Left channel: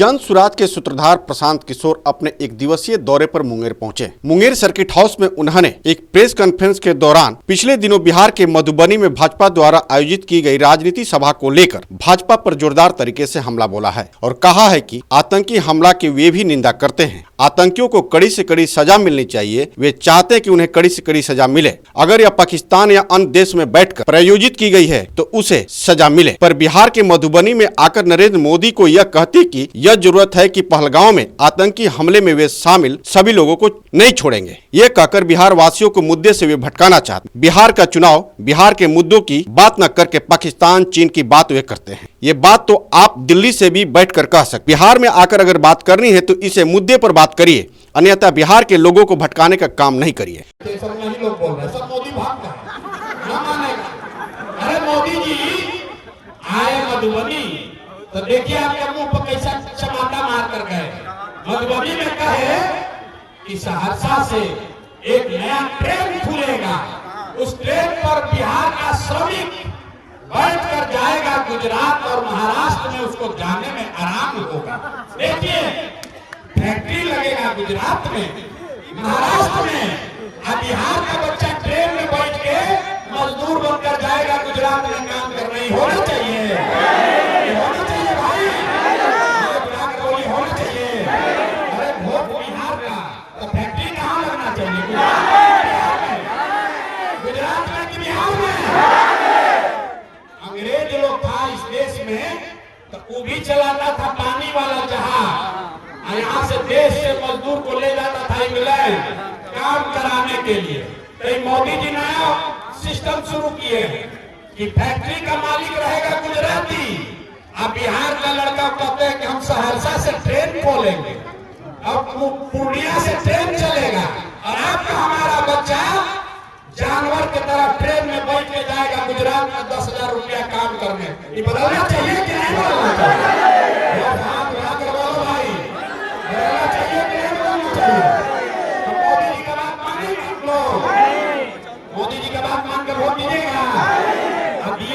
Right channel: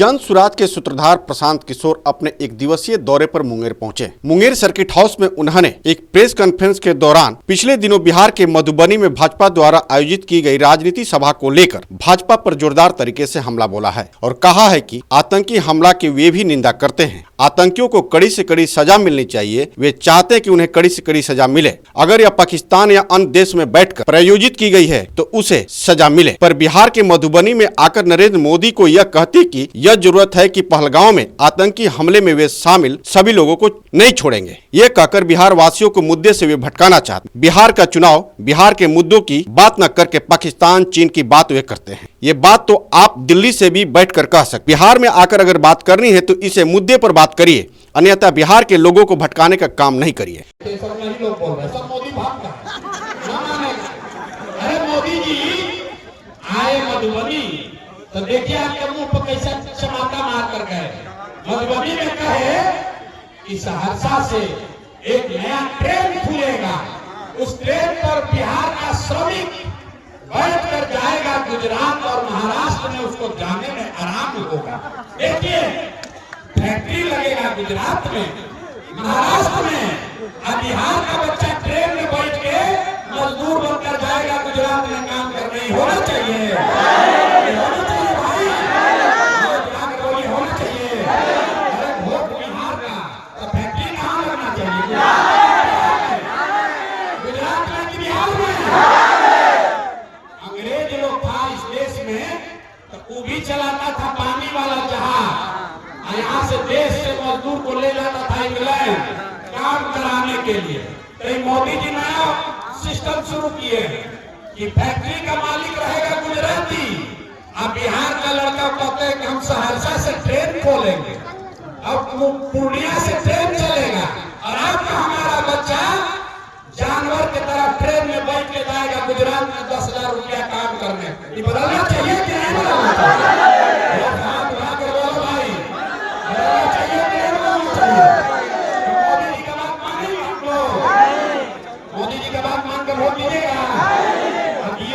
जन सुराज के सूत्रधार प्रशांत किशोर अपने एक दिवसीय दौरे पर मुंगेर पहुंचे। मुंगेर सर्किट हाउस में उन्होंने एक प्रेस कॉन्फ्रेंस के दौरान पिछले दिनों बिहार के मधुबनी में भाजपा द्वारा आयोजित की गई राजनीति सभा को लेकर भाजपा पर जोरदार तरीके से हमला बोला है और कहा है कि आतंकी हमला की वे भी निंदा करते हैं। आतंकियों को कड़ी से कड़ी सजा मिलनी चाहिए। वे चाहते हैं कि उन्हें कड़ी से कड़ी सजा मिले। अगर यह पाकिस्तान या अन्य देश में बैठकर प्रायोजित की गई है तो उसे सजा मिले। पर बिहार के मधुबनी में आकर नरेंद्र मोदी को यह कहती कि यह जरूरत है कि पहलगांव में आतंकी हमले में वे शामिल सभी लोगों को नहीं छोड़ेंगे। ये कहकर बिहार वासियों को मुद्दे से वे भटकाना चाहते। बिहार का चुनाव बिहार के मुद्दों की बात न करके पाकिस्तान चीन की बात वे करते हैं। ये बात तो आप दिल्ली से भी बैठकर कह सकते। बिहार में आकर अगर बात करनी है तो इसे मुद्दे पर बात करिए, अन्यथा बिहार के लोगों को भटकाने का काम नहीं करिए। तो देखिए आपके मुंह पर कैसा चमाटा मार कर गए। मधुबनी में कहे कि सहरसा से एक नया ट्रेन खुलेगा, उस ट्रेन पर बिहार का श्रमिक बैठ कर जाएगा गुजरात और महाराष्ट्र में, उसको जाने में आराम होगा। देखिए फैक्ट्री लगेगा गुजरात में, महाराष्ट्र में, और बिहार का बच्चा ट्रेन में बैठ के मजदूर बनकर जाएगा गुजरात में काम करने। होना चाहिए चलाता था पानी वाला जहाज, यहाँ से देश से मजदूर को ले जाता था इंग्लैंड काम कराने के लिए। तो मोदी जी ने सिस्टम शुरू किए कि फैक्ट्री का मालिक रहेगा गुजराती, अब बिहार का लड़का कहते हैं कि हम सहरसा से ट्रेन खोलेंगे, अब पूर्णिया से ट्रेन चलेगा और आपका हमारा बच्चा जानवर की तरह ट्रेन में बैठ के जाएगा गुजरात में 10,000 रुपया काम करने। ये बदलना चाहिए कि नहीं बदलना चाहिए?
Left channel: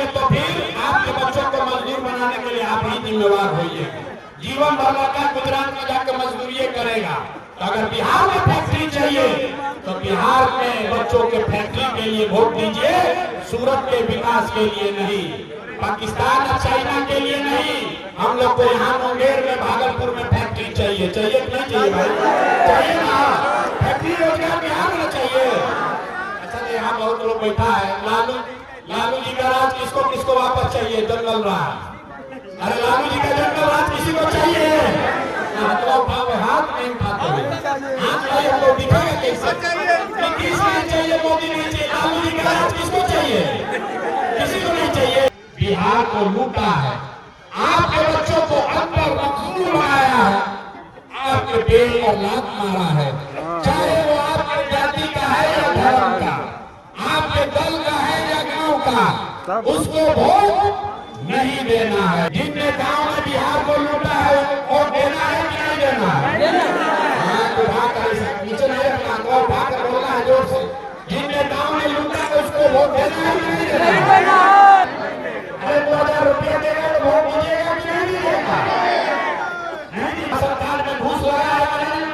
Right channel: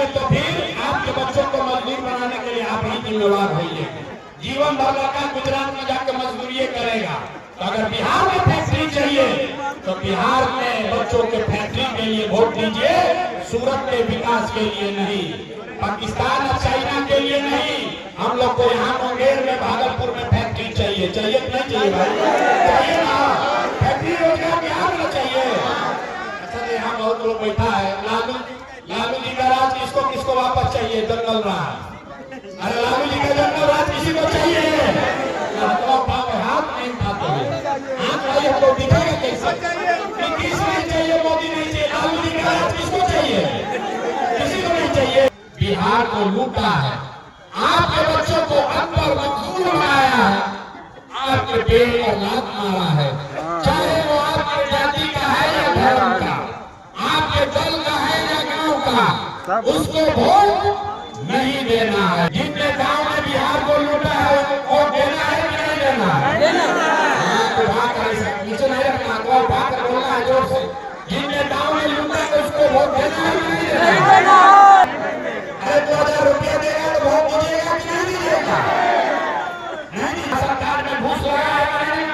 तो फिर आपके बच्चों को मजदूर बनाने के लिए आप ही जिम्मेदार होइए। जीवन भर का गुजरात में जाकर मजदूरी करेगा। अगर बिहार में फैक्ट्री चाहिए तो बिहार में बच्चों के फैक्ट्री के लिए वोट दीजिए, सूरत के विकास के लिए नहीं, पाकिस्तान और चाइना के लिए नहीं। हम लोग को यहाँ मुंगेर में, भागलपुर में फैक्ट्री चाहिए। चाहिए कि नहीं चाहिए भाई? चाहिए ना? फैक्ट्री रोजगार बिहार में चाहिए। अच्छा यहाँ बहुत लोग बैठा है, लालू जी का राज किसको किसको वापस चाहिए? जंगल राज। अरे लालू जी का जंगल राज किसी को चाहिए? हाथ नहीं उठाते हैं, दिखाए कैसे? किसको चाहिए? मोदी नहीं चाहिए। लालू जी का राज किसको चाहिए? किसी को नहीं चाहिए। बिहार को लूटा है, आपके बच्चों को अंदर मजदूर बनाया है, आपके पेड़ और लात मारा है, चाहे वो आपके जाति का है या धर्म का, आपके दल का है या गांव का, उसको वोट नहीं देना है। जिनके गांव में बिहार को लूटा है उसको वोट देना है कि नहीं देना है? जिनके गांव में लूटा है उसको वोट देना है कि नहीं देना? अरे 2,000 रुपया देगा तो वोट दीजिएगा कि नहीं दीजिएगा? नहीं, सरकार में घूस लगाएगा नहीं,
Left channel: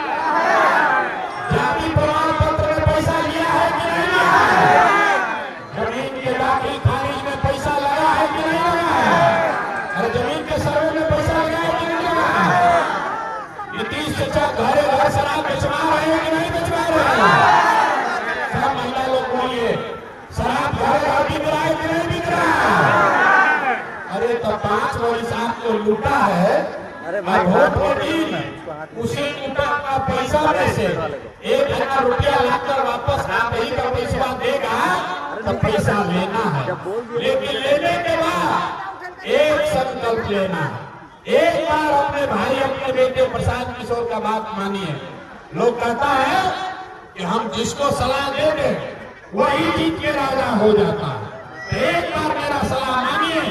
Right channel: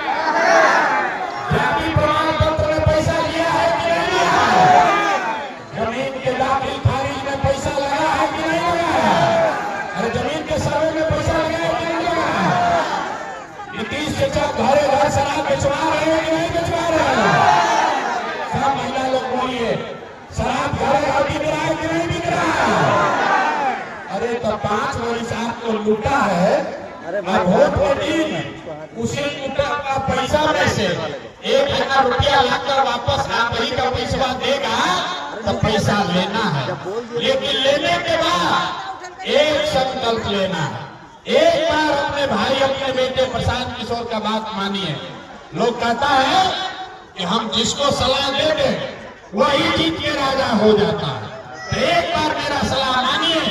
जाति प्रमाण पत्र में पैसा लिया है कि नहीं लिया है, जमीन के दाखिल खारिज में पैसा लगा है कि नहीं लगा है, और जमीन के सर्वे में पैसा लगा है कि नहीं लगा है। नीतीश से जब घरे घर शराब बेचवा रहे हैं कि नहीं बेचवा रहे हैं? सब महिला लोग बोलिए, शराब घरे घर बिक रहा है कि नहीं बिक रहा है? अरे तो 5 वाली साहब को लूटा है, और वोट देती उसी लूटा का पैसा में से 1,000 रुपया लाकर वापस आप ही का पैसा देगा तो पैसा लेना है। लेकिन लेने के बाद एक संकल्प लेना है, एक बार अपने भाई अपने बेटे प्रशांत किशोर का बात मानिए। लोग कहता है कि हम जिसको सलाह देंगे वही जीत के राजा हो जाता है। एक बार मेरा सलाह मानिए,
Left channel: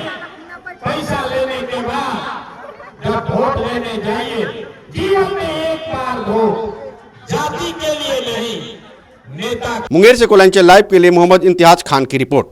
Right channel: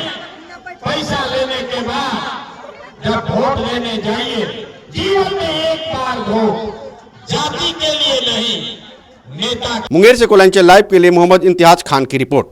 पैसा लेने के बाद जब वोट लेने जाइए, जीवन में एक बार वोट, जाति के लिए नहीं, नेता। मुंगेर से कोलांचल लाइव के लिए मोहम्मद इम्तियाज खान की रिपोर्ट।